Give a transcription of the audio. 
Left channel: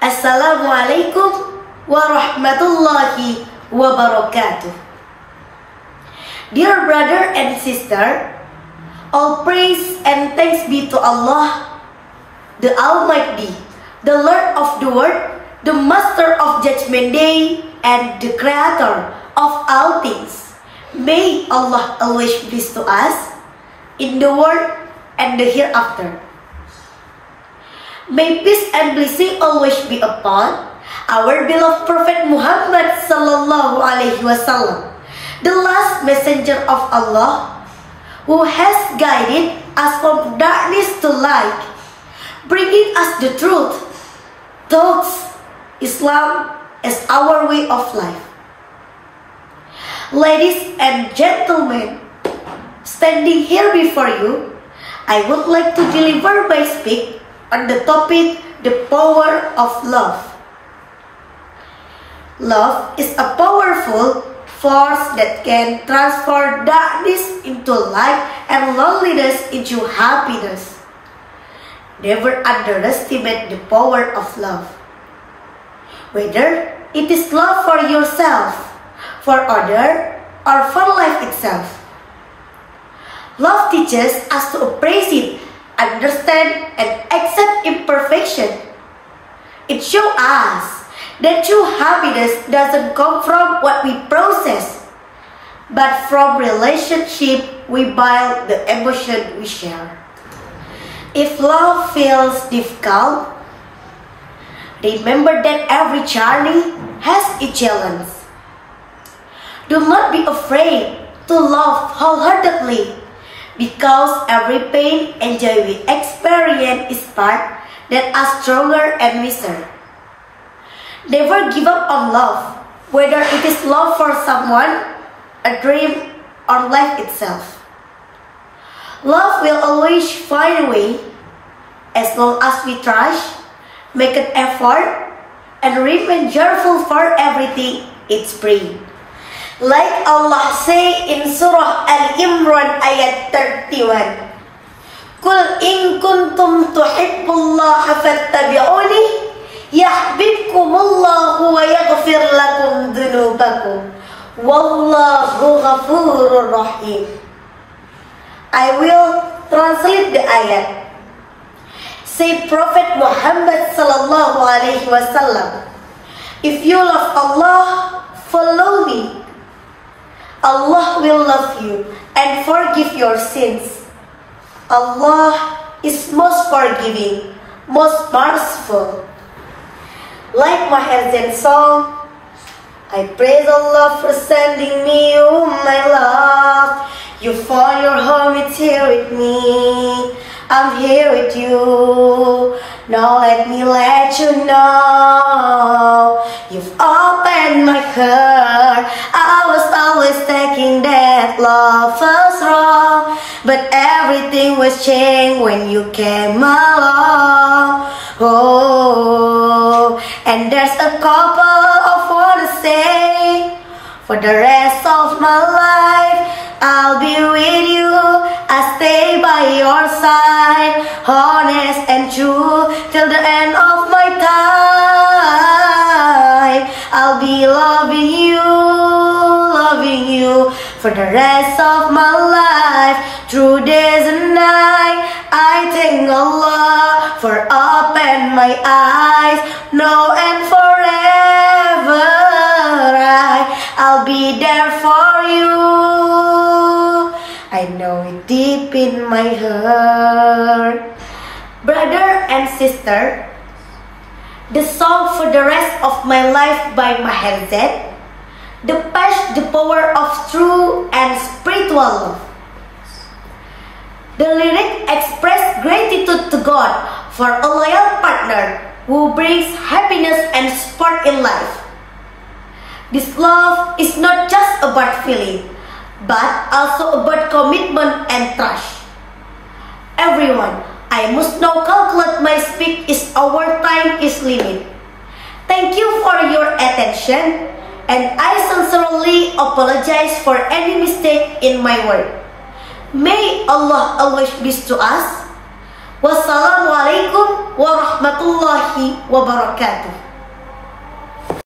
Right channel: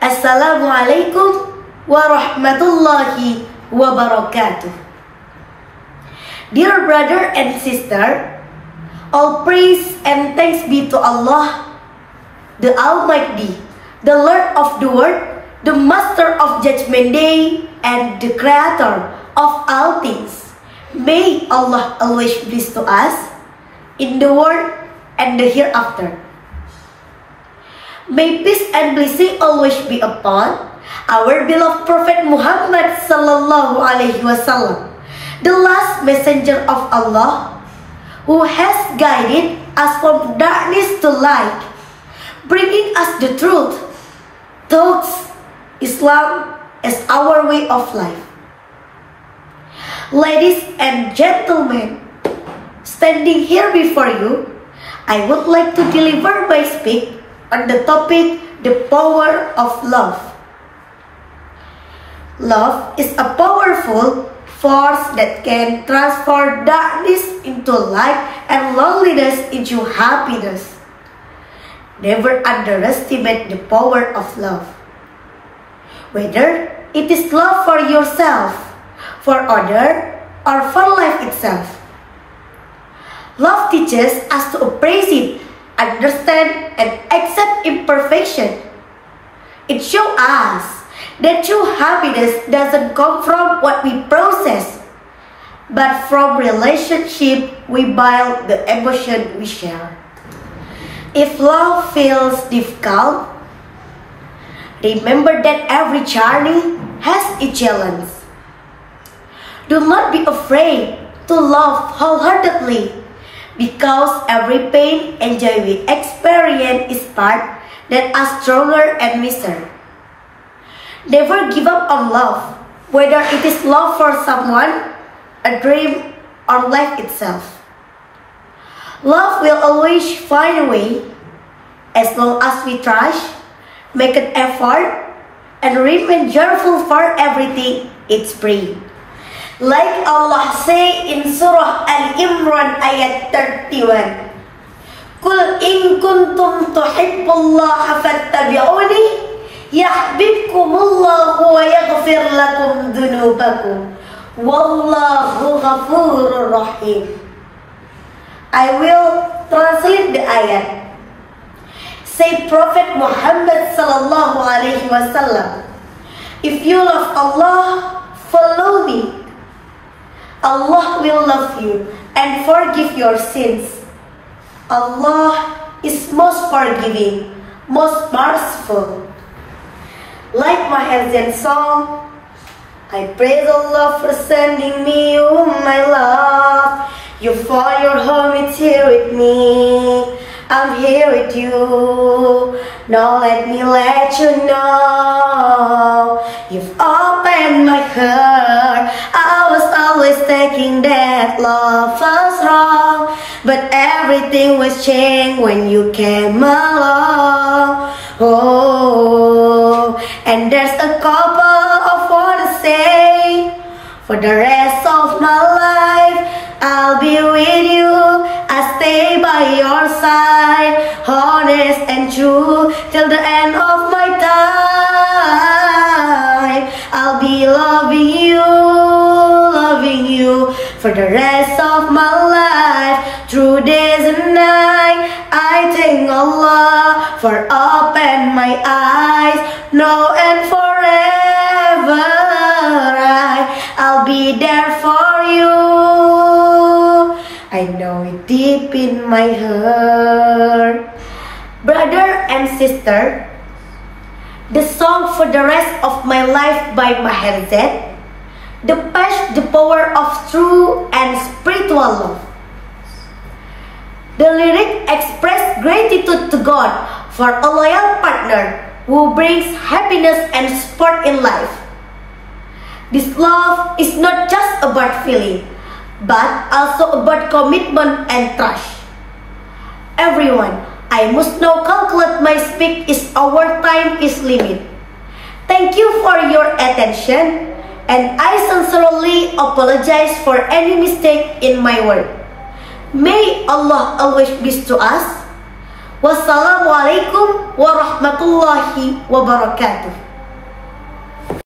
Assalamualaikum warahmatullahi wabarakatuh. Dear brother and sister, all praise and thanks be to Allah, the Almighty, the Lord of the world, the Master of Judgment Day, and the Creator of all things. May Allah always bless to us in the world and the hereafter. May peace and blessing always be upon our beloved Prophet Muhammad sallallahu alaihi wasallam, the last messenger of Allah, who has guided us from darkness to light, bringing us the truth, thoughts, Islam as our way of life. Ladies and gentlemen, standing here before you, I would like to deliver my speech on the topic, the power of love. Love is a powerful force that can transform darkness into light and loneliness into happiness. Never underestimate the power of love. Whether it is love for yourself, for others, or for life itself. Love teaches us to appreciate, understand, and accept imperfection. It shows us that true happiness doesn't come from what we process, but from relationship we build, the emotion we share. If love feels difficult, remember that every journey has a challenge. Do not be afraid to love wholeheartedly, because every pain and joy we experience is part that are stronger and wiser. Never give up on love, whether it is love for someone, a dream, or life itself. Love will always find a way, as long as we try, make an effort, and remain joyful for everything it brings. Like Allah say in Surah Al-Imran ayat 31, Qul in kuntum tuhibbullaha fattabi'uni yahbibkumullahu wa yaghfir lakum dhunubakum wallahu ghafurur rahim. I will translate the ayat. Say Prophet Muhammad sallallahu alaihi wasallam, if you love Allah, follow me. Allah will love you and forgive your sins. Allah is most forgiving, most merciful. Like my Azan song, I praise Allah for sending me, oh my love. You found your home, it's here with me. I'm here with you. Now let me let you know, you've opened my heart. I was always thinking that love was wrong, but everything was changed when you came along. Oh, and there's a couple of words to say. For the rest of my life, I'll be with you. I'll stay by your side, honest and true, till the end of my time. I'll be loving you for the rest of my life, through days and night. I thank Allah for open my eyes, now and forever. I'll be there for you. I know it deep in my heart. Brother and sister, the song For the Rest of My Life by Maher Zaid depicts the power of true and spiritual love. The lyric express gratitude to God for a loyal partner who brings happiness and support in life. This love is not just about feeling, but also about commitment and trust. Everyone, I must now calculate my speech as our time is limited. Thank you for your attention, and I sincerely apologize for any mistake in my word. May Allah always be to us. Wassalamualaikum warahmatullahi wabarakatuh.